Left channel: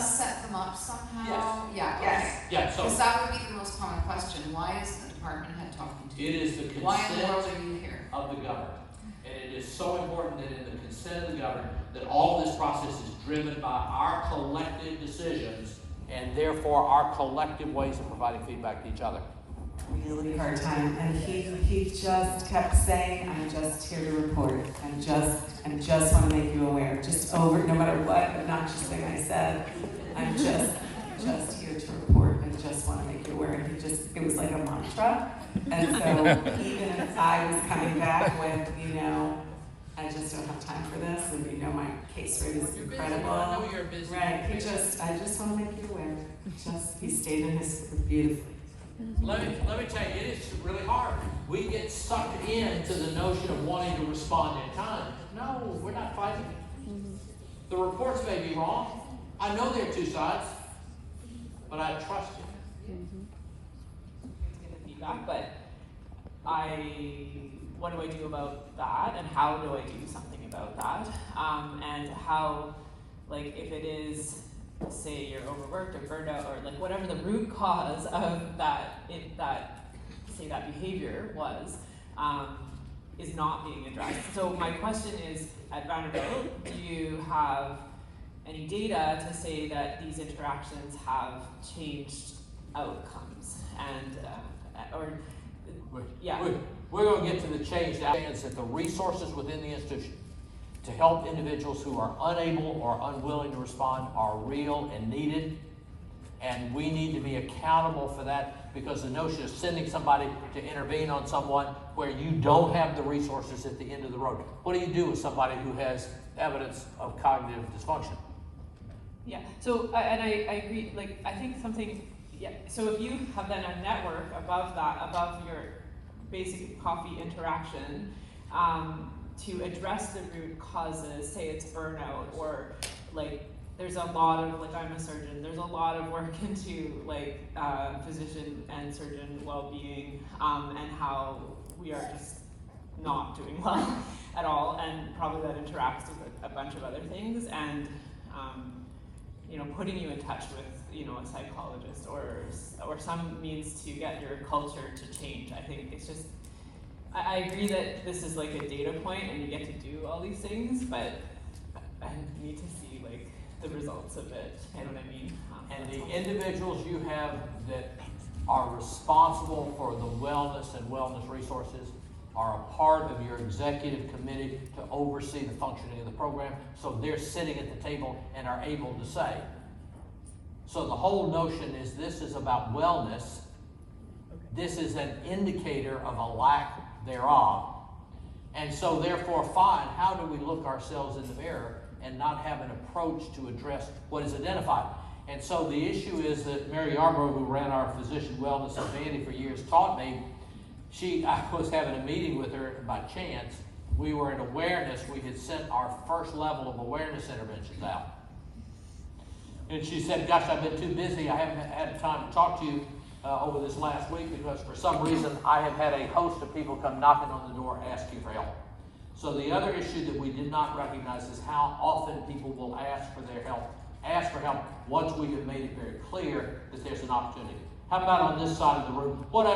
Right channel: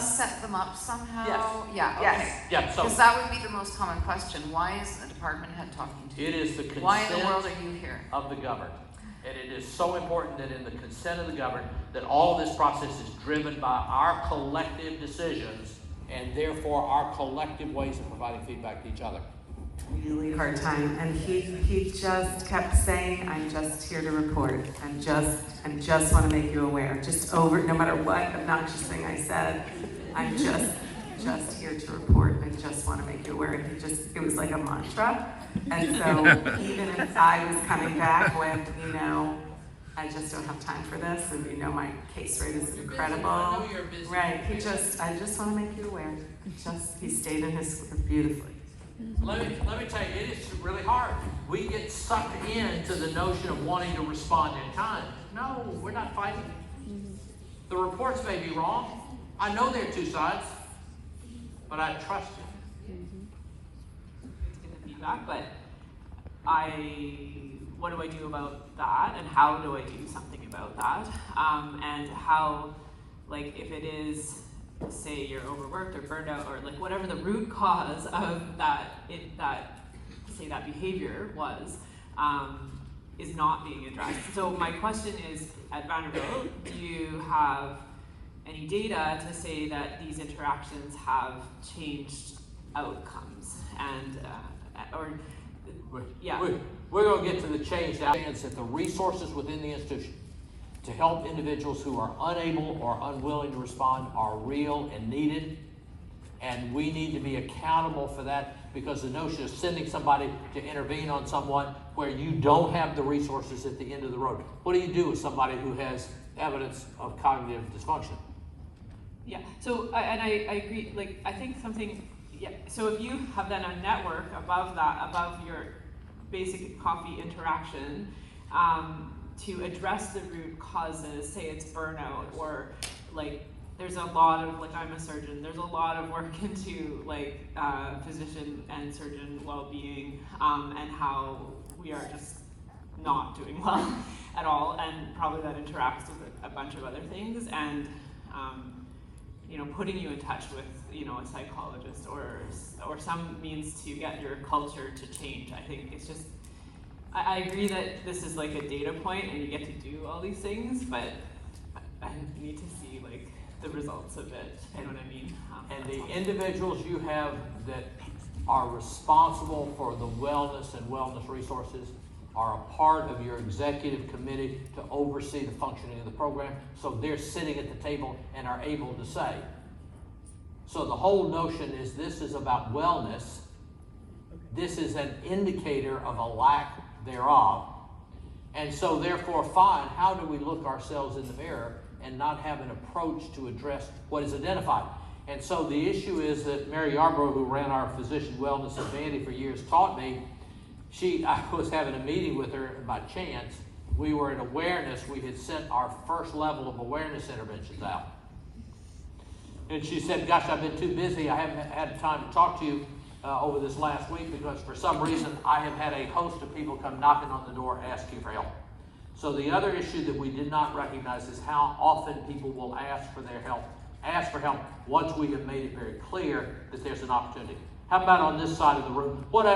must set them up somehow? Yes. Yeah, okay. Yes. Yeah, so Because that would be the most common question. Why is the department head talking to you? it is the consent Why in the world are you here? of the governed. And it is so important that in the consent of the governed, that all of this process is driven by our collective decisions and therefore our collective ways of providing feedback to each other. Really hard time, and he just kept saying, "I'm just here to report. I just want to make you aware." Just over, no matter what obnoxious thing I said, I'm just here to report. I just want to make you aware. And it was like a mantra. And so even if I was coming back with, I just don't have time for this, and my case rate is incredible. I know you're busy. Right? I just want to make you aware. He stayed in his beautifully. Let me tell you, it is really hard. We get sucked into the notion of wanting to respond in kind. No, we're not fighting. The reports may be wrong. I know there are two sides, but I trust you. Give the feedback, but what do I do about that, and how do I do something about that? And how, if it is, say you're overworked or burned out, or whatever the root cause of that behavior was, is not being addressed. So my question is, at Vanderbilt, do you have any data to say that these interactions have changed outcomes? And We're going to get to the change that the resources within the institution to help individuals who are unable or unwilling to respond are real and needed, and we need to be accountable for that, because the notion of sending somebody to intervene on someone where you don't have the resources at the end of the road. What do you do with somebody who has evidence of cognitive dysfunction? Yeah, so, and I agree, I think something, so if you have then a network above your basic coffee interaction, to address the root causes, say it's burnout, or there's a lot of, I'm a surgeon, there's a lot of work into physician and surgeon well-being, and how we are just not doing well at all, and probably that interacts with a bunch of other things, and putting you in touch with a psychologist or some means to get your culture to change. I think it's just, I agree that this is a data point and you get to do all these things, but I need to see the results of it. You know what I mean? And the individuals you have that are responsible for the wellness and wellness resources are a part of your executive committee to oversee the functioning of the program, so they're sitting at the table and are able to say. So the whole notion is this is about wellness. This is an indicator of a lack thereof. And so therefore, fine, how do we look ourselves in the mirror and not have an approach to address what is identified? And so the issue is that Mary Yarbrough, who ran our physician wellness at Vandy for years, taught me. I was having a meeting with her by chance. We were in awareness. We had sent our first level of awareness interventions out. And she said, gosh, I've been too busy. I haven't had time to talk to you over this last week, because for some reason I have had a host of people come knocking on the door asking for help. So the other issue that we did not recognize is how often people will ask for help once we have made it very clear that there's an opportunity. How about on this side of the room? What else?